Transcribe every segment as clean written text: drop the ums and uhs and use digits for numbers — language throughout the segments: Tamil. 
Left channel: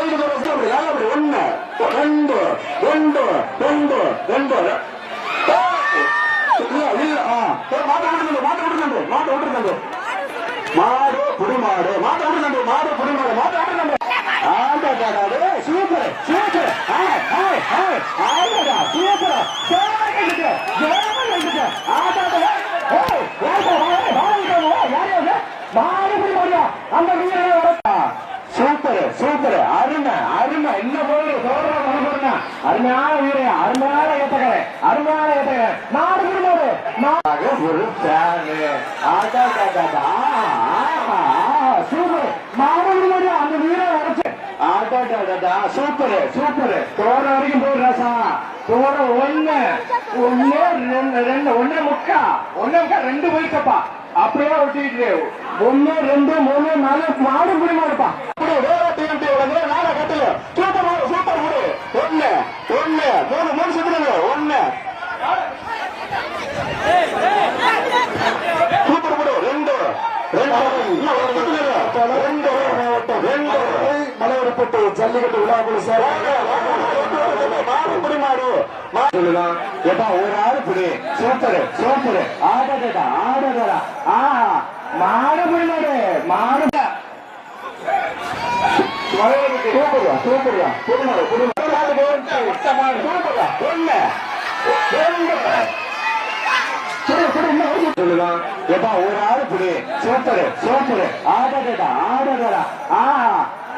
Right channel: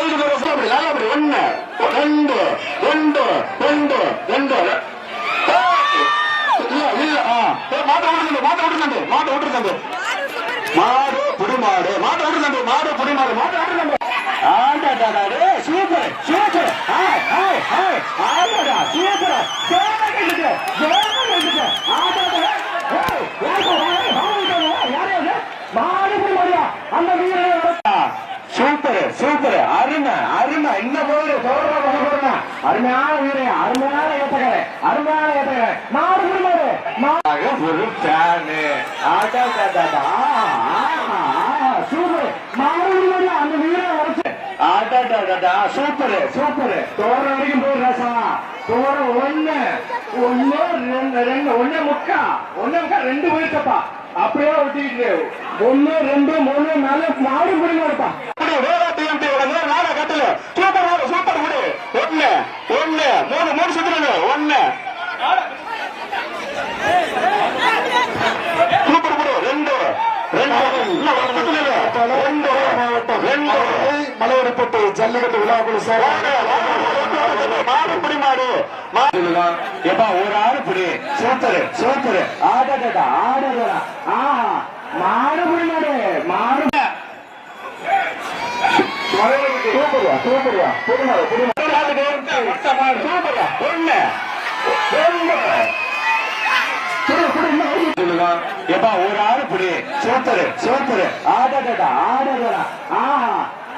சைடு ஒண்ணு ரெண்டு ரெண்டு ரெண்டு ரெண்டு மாட்டு விட்டுருக்காங்க மாடு புடிமாடு மாட்டு விட்டுருக்காங்க மாடு புடிமாடு மாட்டு விட்டுருக்காங்க சூப்பர் சூப்பர் சூப்பர் சூப்பர் அருமை அருமை என்ன போது அருமையான உயிரை அருமையான ஏத்தகரை அருமையான ஏத்தகரை நாடு புரிமாடு ஒரு பேனு சூப்பர் நாடு புரிமாடு அந்த உயிரை உடச்சு சூப்பர் சூப்பர் தோற வரைக்கும் போய் ராசா தோற ஒண்ணு ஒண்ணு ரெண்டு ஒண்ணு முக்கா ரெண்டு போயிட்டப்பா அப்படியே ஒட்டிட்டு ஒண்ணு ரெண்டு மூணு நாலு நாடு புரிமாடுப்பா நாளை கட்டுங்க சூப்பர் சூப்பர் விடு ஒண்ணு ஒண்ணு மூணு மூணு சுத்துறீங்க ஒண்ணு சூப்பர் விடு ரெண்டு மலையப்பட்டு ஜல்லிக்கட்டு விழாக்குழு சார் மாடு புடிமாடு எப்பா ஒரு ஆள் புடி சூப்பர் சூப்பர் ஆடா மாடு புடிமாடு மாடு சூப்பர்வா சூப்பர்வா புடிமாடு புடிமாடு சூப்பர்வா ஒண்ணு எப்பா ஒரு ஆள் புடி சூப்பர் சூப்பர் ஆடா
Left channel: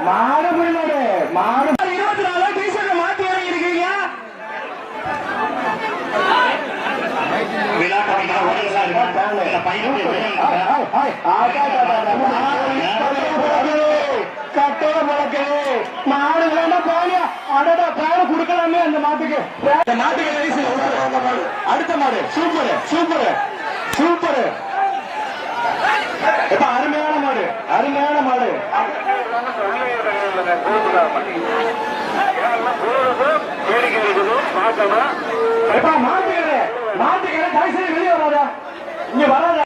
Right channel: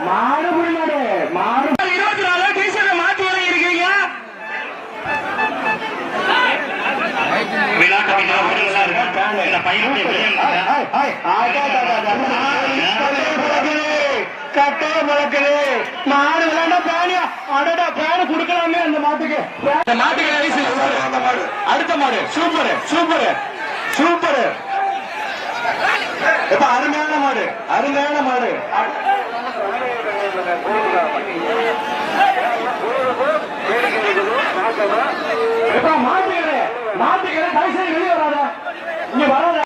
மாடு புடிமாடு மாடு 24 டீசர்ல மாத்தி வர இருக்கீங்க கட்ட முழக்குது நாடு விளையாண்டா பேனியா அடடா பேனை கொடுக்கலாமே அந்த மாட்டுக்கு அந்த மாட்டுக்கு அடுத்த மாடு சூப்பர் சூப்பர் சூப்பர் இப்ப அருமையான மாடு அருமையான மாடு மாட்டுக்கிற கைசல் வெளியே வராத இங்க வராத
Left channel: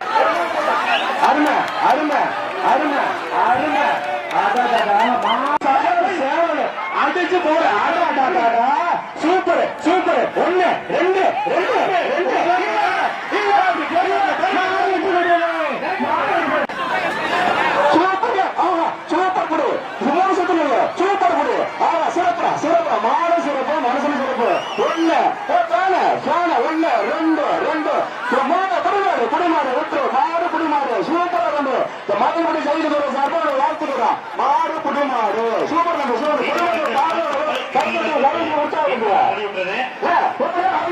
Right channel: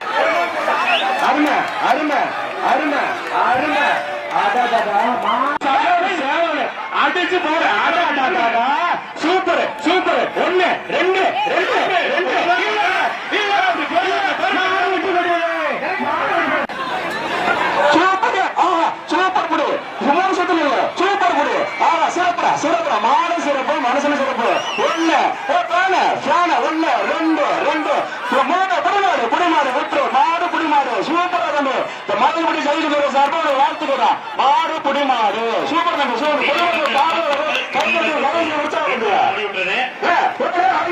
அருமை அருமை அருமை அருமை அடிச்சு போற சூப்பர் சூப்பர் ஒண்ணு ரெண்டு சூப்பர் குடு சூப்பர் குடு சிறப்பா சிறப்பா மாடு சிறப்பு மனசுல சிறப்பு ஒண்ணு ஒண்ணு ரெண்டு மாடு குடிமாடு விட்டு மாடு குடிமாடு சூப்பரா கொண்டு மறுபடி சைடு போற சார்பா வாழ்த்துக்கிறா மாடு குடிமாடு சூப்பர் சூப்பர்